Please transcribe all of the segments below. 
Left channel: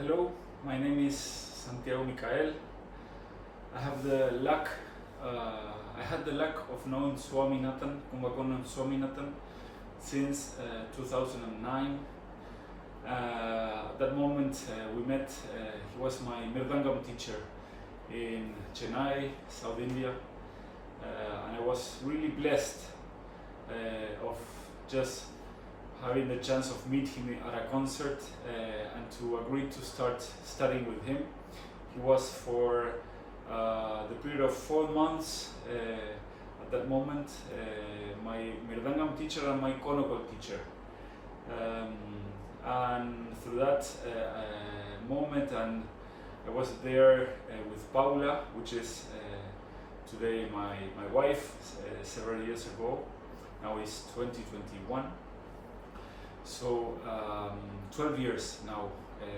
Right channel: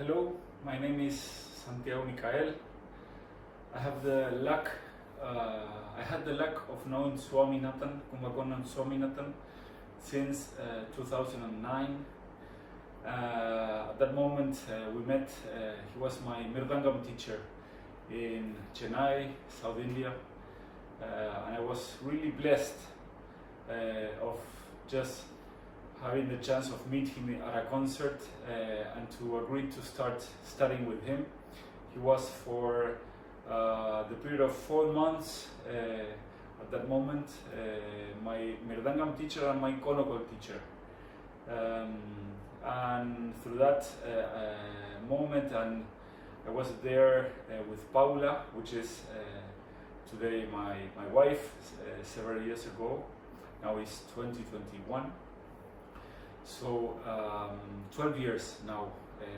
Hello, my name is Santiago Micael. I have the luck, I had the luck of knowing Swaminathan, Kumbakonam Swaminathan, since 2009. At that moment we met, he was my Mirdangam teacher in Chennai, South India, and I was really blessed of just having the chance of meeting him at a concert and to agree to start studying with him. He was for the period of 4 months at that moment my Mirdangam teacher and my Konokol teacher. And through that moment, and I was there with Paula, which is today my wife, several years ago. Now it's 2021. So 12 years now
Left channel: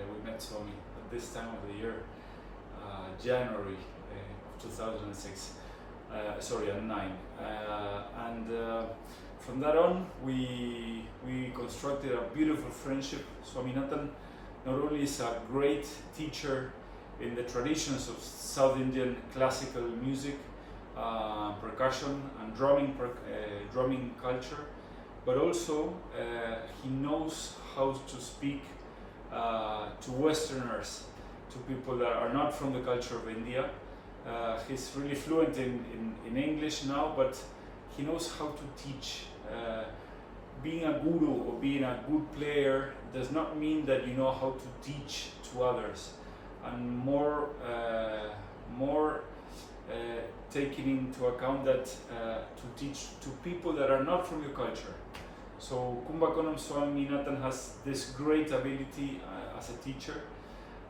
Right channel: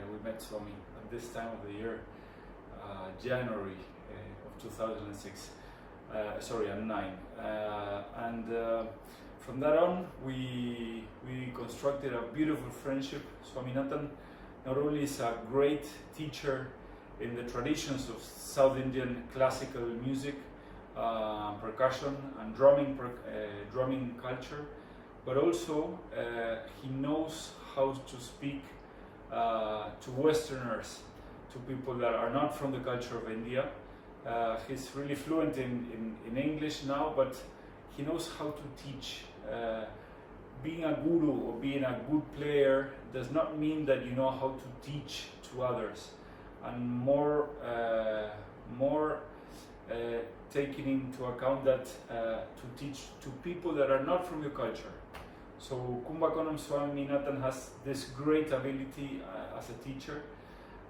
we met Swami at this time of the year, January of 2006, sorry, and 9. And from that on, we constructed a beautiful friendship. Swaminathan not only is a great teacher in the traditions of South Indian classical music, percussion and drumming culture, but also he knows how to speak to Westerners, to people that are not from the culture of India. He's really fluent in English now, but he knows how to teach. Being a guru or being a good player does not mean that you know how to teach to others, and more taking into account that to teach to people that are not from your culture. So Kumbakonam Swaminathan has this great ability as a teacher,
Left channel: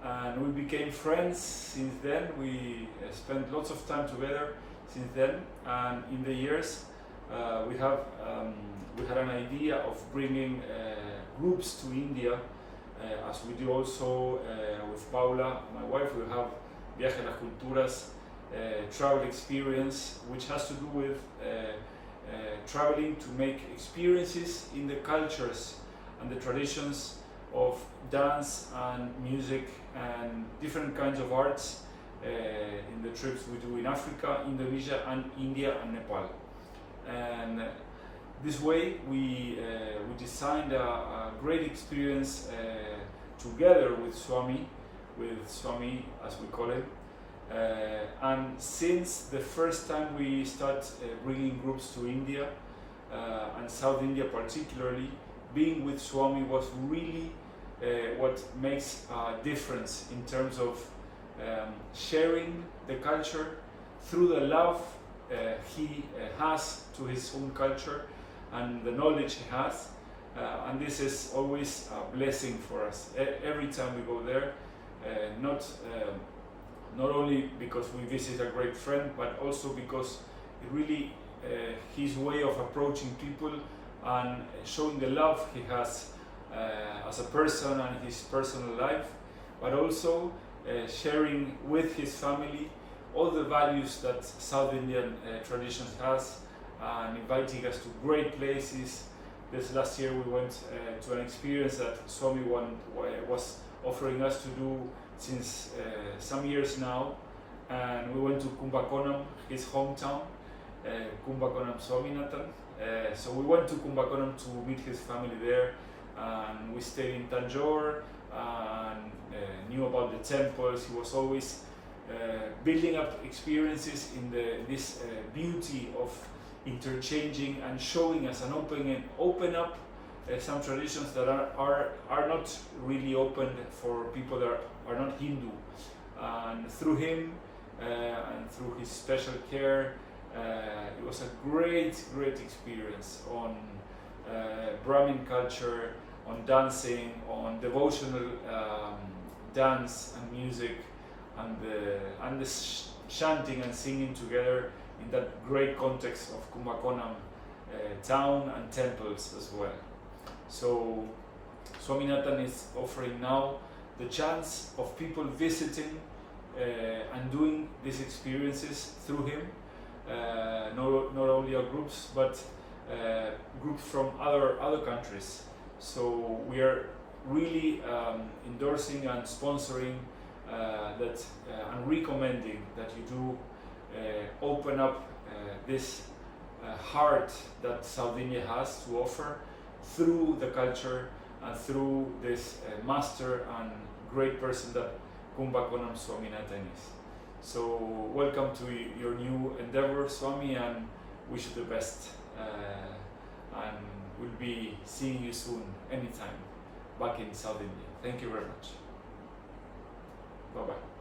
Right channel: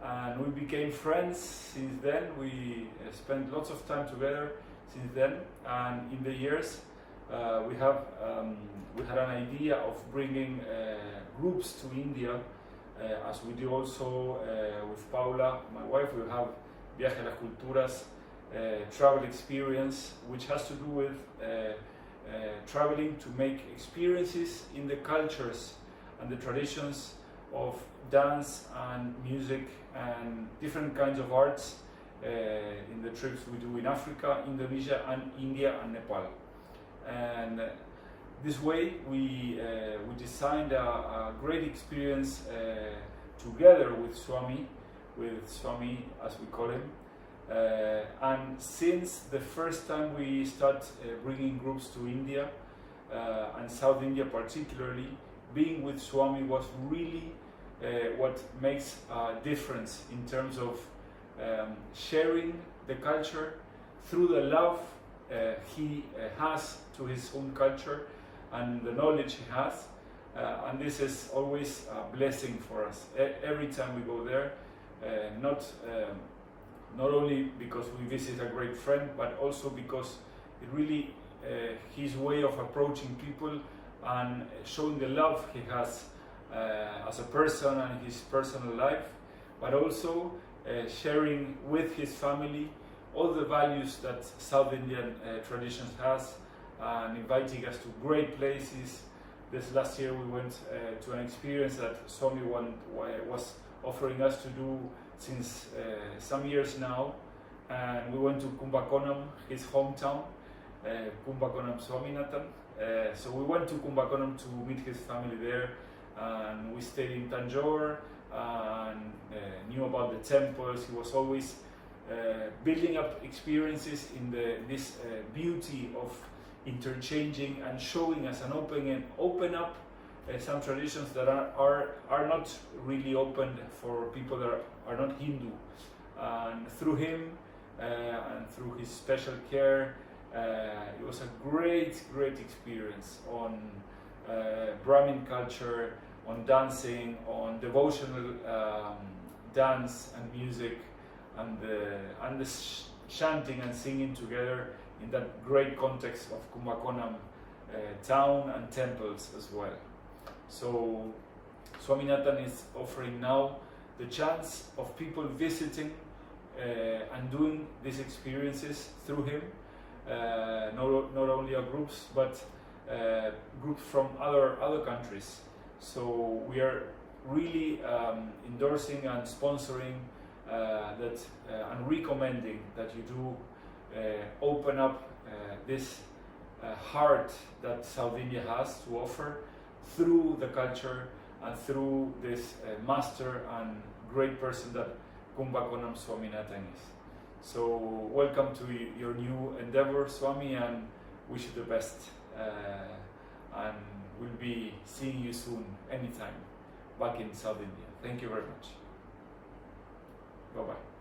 and we became friends since then. We spent lots of time together since then, and in the years we had an idea of bringing groups to India, as we do also with Paula, my wife. We have Viaje a las Culturas, travel experience, which has to do with traveling to make experiences in the cultures and the traditions of dance and music and different kinds of arts in the trips we do in Africa, Indonesia, and India and Nepal. And this way we designed a great experience together with Swami as we call him. And since the first time we start bringing groups to India and South India particularly, being with Swami was really what makes a difference in terms of sharing the culture through the love he has to his own culture and the knowledge he has. And this is always a blessing for us every time we go there, not only because we visit a great friend, but also because it really his way of approaching people and showing the love he has as a person and his personal life, but also sharing with his family all the values that South Indian traditions has, and inviting us to great places. This last year we went to an experience that Swami was offering us to do since some years now, and we went to Kumbakonam, his hometown, Kumbakonam Swaminathan. So we went to Kumbakonam to meet his family there, and we stayed in Tanjore and knew about the temples. He was always building up experiences in this beauty of interchanging and showing us and open up some traditions that are not really open for people that are not Hindu. And through him and through his special care, it was a great experience on Brahmin culture, on dancing, on devotional dance and music, and the chanting and singing together in that great context of Kumbakonam town and temples as well. So Swaminathan is offering now the chance of people visiting and doing these experiences through him, not only our groups, but groups from other countries. So we are really endorsing and sponsoring and recommending that you do open up this heart that Sardinia has to offer through the culture and through this master and great person that Kumbakonam Swaminathan is. So welcome to your new endeavor, Swami, and wish you the best. And we'll be seeing you soon, anytime, back in South India. Thank you very much. Bye-bye.